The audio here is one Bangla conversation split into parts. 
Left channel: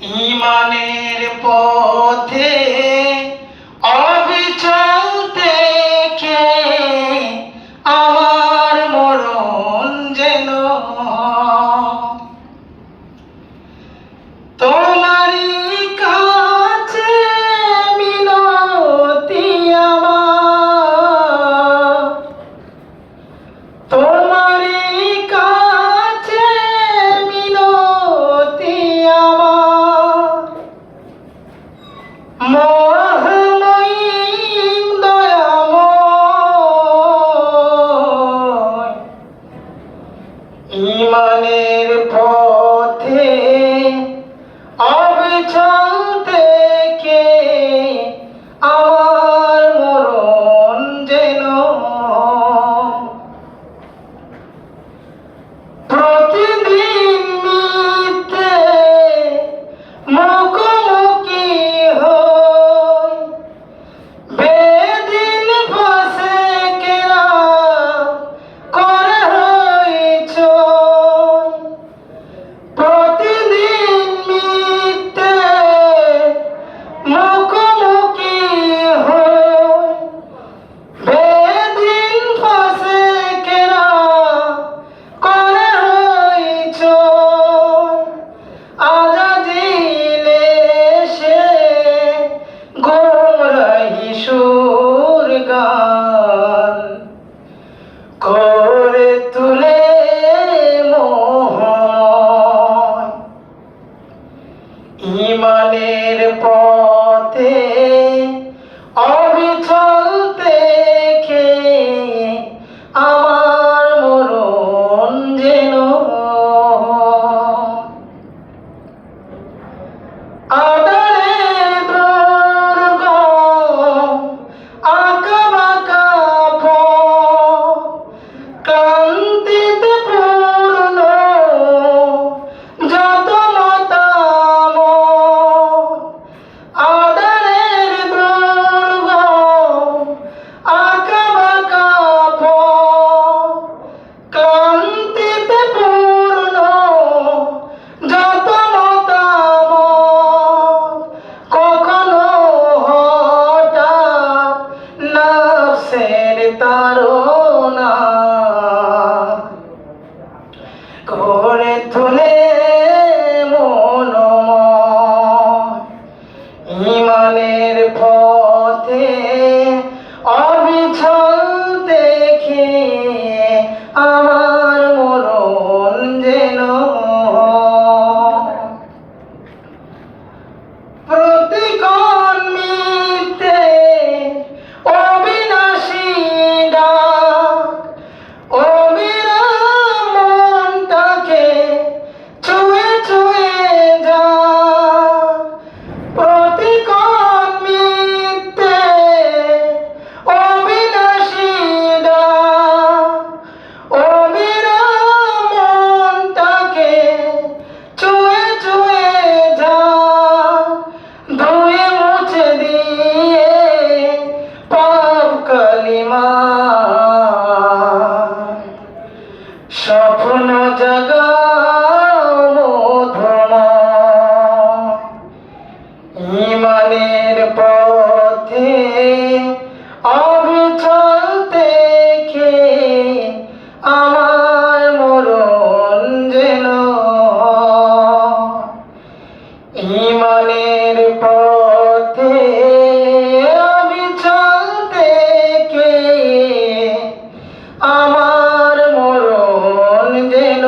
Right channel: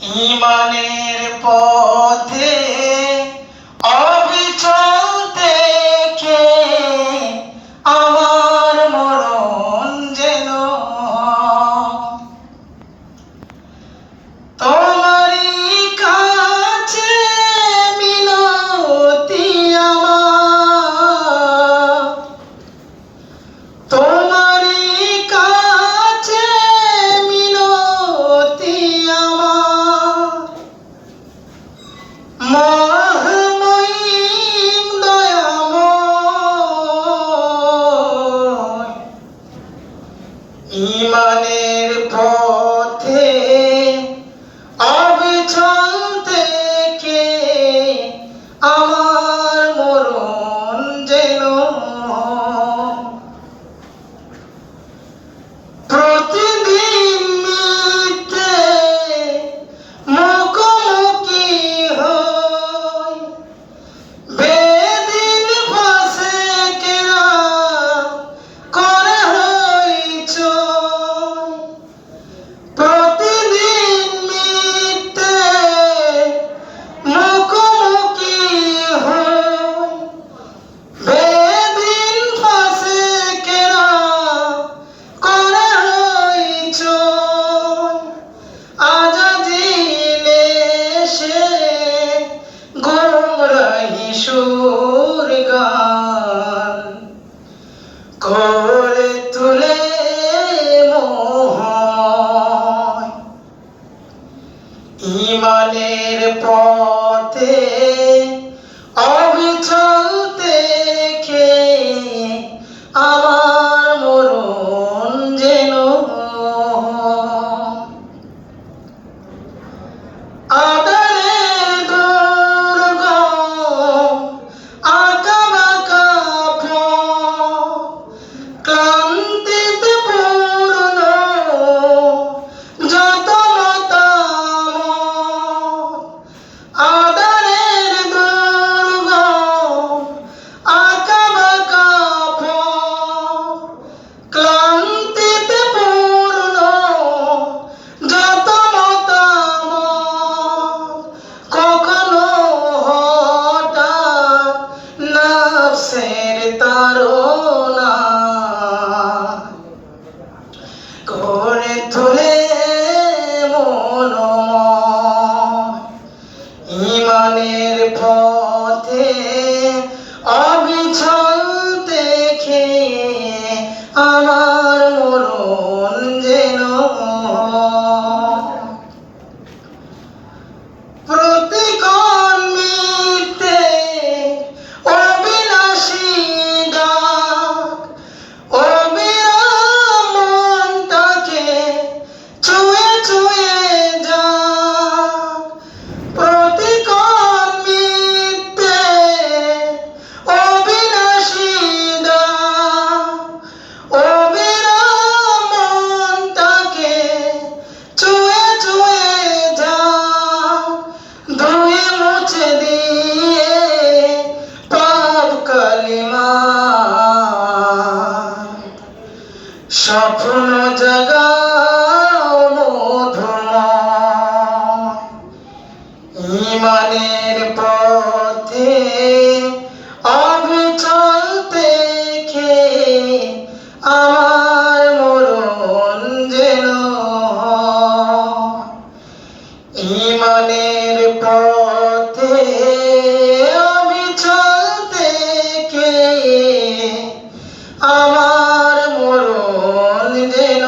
ঈমানের পথে অবিচল থেকে আমার মরণ যেন তোমারই কাছে মিনতি আমার, তোমারই কাছে মিনতি আমার। মহামহিম দয়াময়, ঈমানের পথে অবিচল থেকে আমার মরণ যেন প্রতিদিন মিথ্যে মুখোমুখি হই, বেদিন ফাঁসে কেরা করে হইচই। প্রতিদিন মিথ্যে মুখোমুখি হই, বেদিন ফাঁসে কেরা করে হইচই। আজাজিলে সে গোমরাহি সুর গান করে তুলে মোহময়। ঈমানের পথে অবিচল থেকে আমার মরণ যেন আদরের দুর্গম আঁকাবাঁকা পথ, ক্লান্তিতে পূর্ণ যত মতামত। আদরের দুর্গম আঁকাবাঁকা পথ, ক্লান্তিতে পূর্ণ যত মতামত। কখনো হঠাৎ নফসের তাড়না করে তুলে মনোময়। ঈমানের পথে অবিচল দেখে আমার মরণ যেন প্রতিক্ষণ মিথ্যে অবিনাশী ডাক, অবিরাম মনটাকে ছুঁয়ে ছুঁয়ে যাক। প্রতিক্ষণ মিথ্যে অবিনাশী ডাক, অবিরাম মনটাকে ছুঁয়ে ছুঁয়ে যাক। ধুয়ে মুছে দিয়ে পাপ কালিমা স্বপ্ন জাগাও মধুময়। ঈমানের পথে অবিচল থেকে আমার মরণ যেন ঈমানের পথে অবিচল থেকে আমার মরণ যেন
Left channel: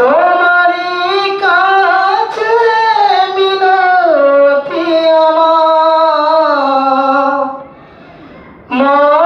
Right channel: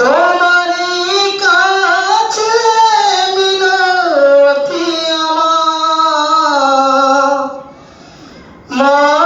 তোমারই কাছে মিনতি আমার।